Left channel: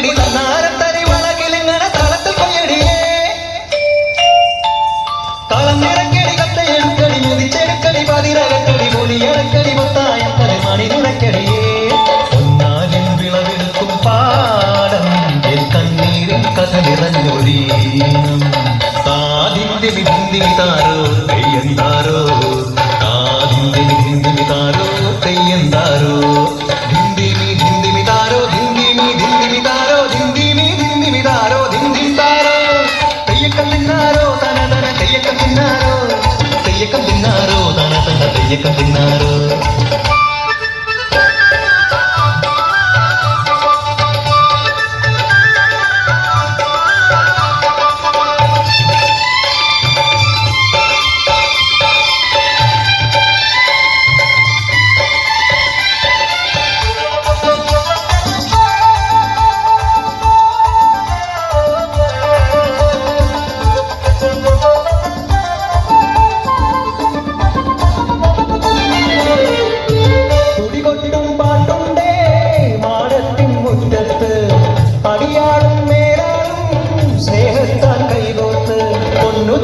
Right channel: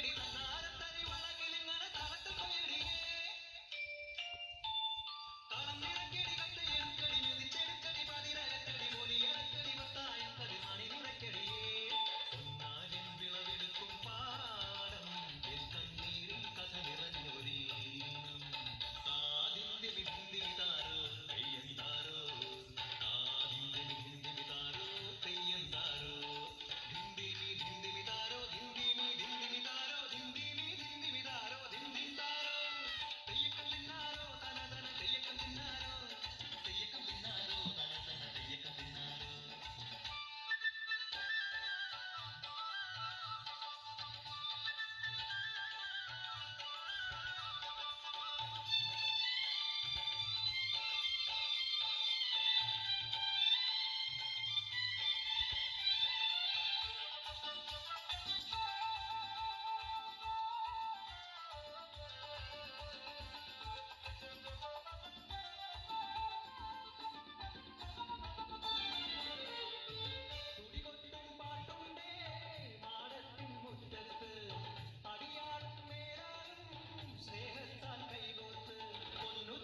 പോയടി തന്നാരത്തരി വളകിലിങ്ങണ തളത്തിൽ കൊയ്യടിയേ തളം നിറക്കടി കത്ത എടുക്കടി ഉദിച്ചെടുക്കടി പതിരകക്കടി പൊലിയടക്കടി മൊത്തായം തലമണി നുണക്കടിയേ ഒന്നാലും വിളവെടുക്കും പാടം എൻ കണ്ണീരിൽ കഥ നിറഞ്ഞൊഴി താതിന്റെ വിന്തി താരോ ये कभी ना रो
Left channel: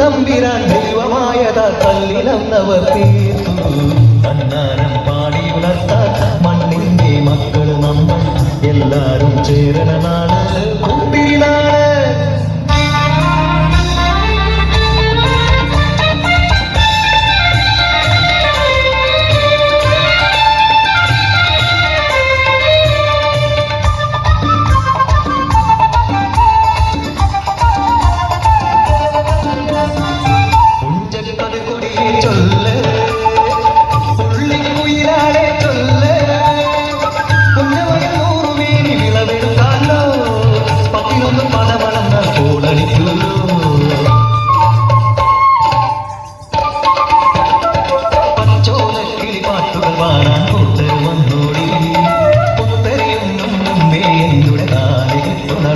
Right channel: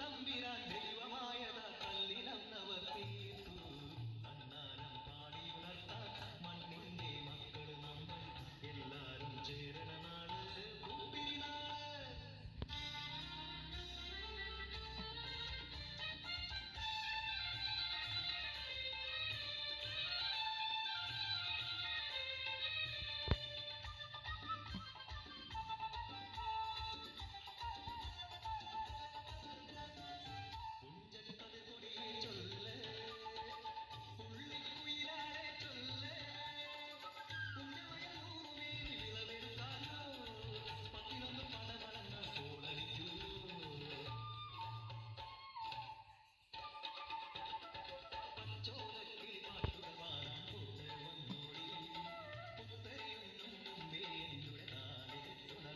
തമ്പിരാൻ ദൈവമായത കല്ലിലന്നവർ തീർത്തു കണ്ണാരം പാടി ഉണർത്താൻ മണ്ണിന്റെ മക്കൾ നമ്മൾ എല്ലാരും ചേരണനാണ്.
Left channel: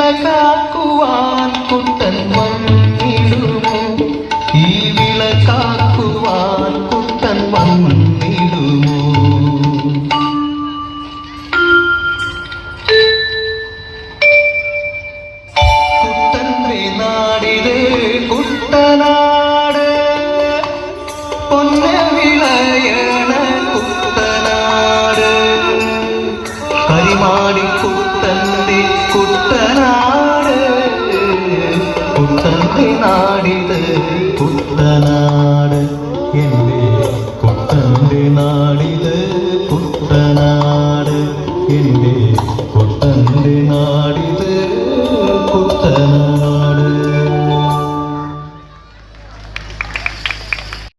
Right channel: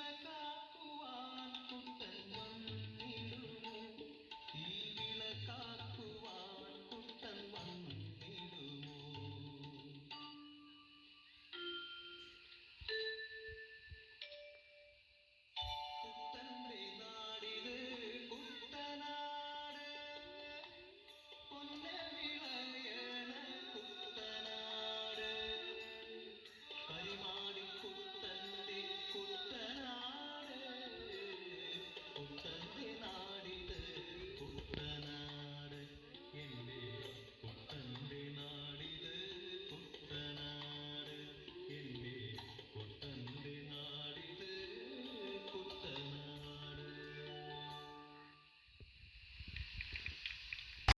lakakuan kutan wa தம்பி நாடிது. புத்த நாடு என்னே கொத்தம்பி நாடிது. புத்த நாடு என்னே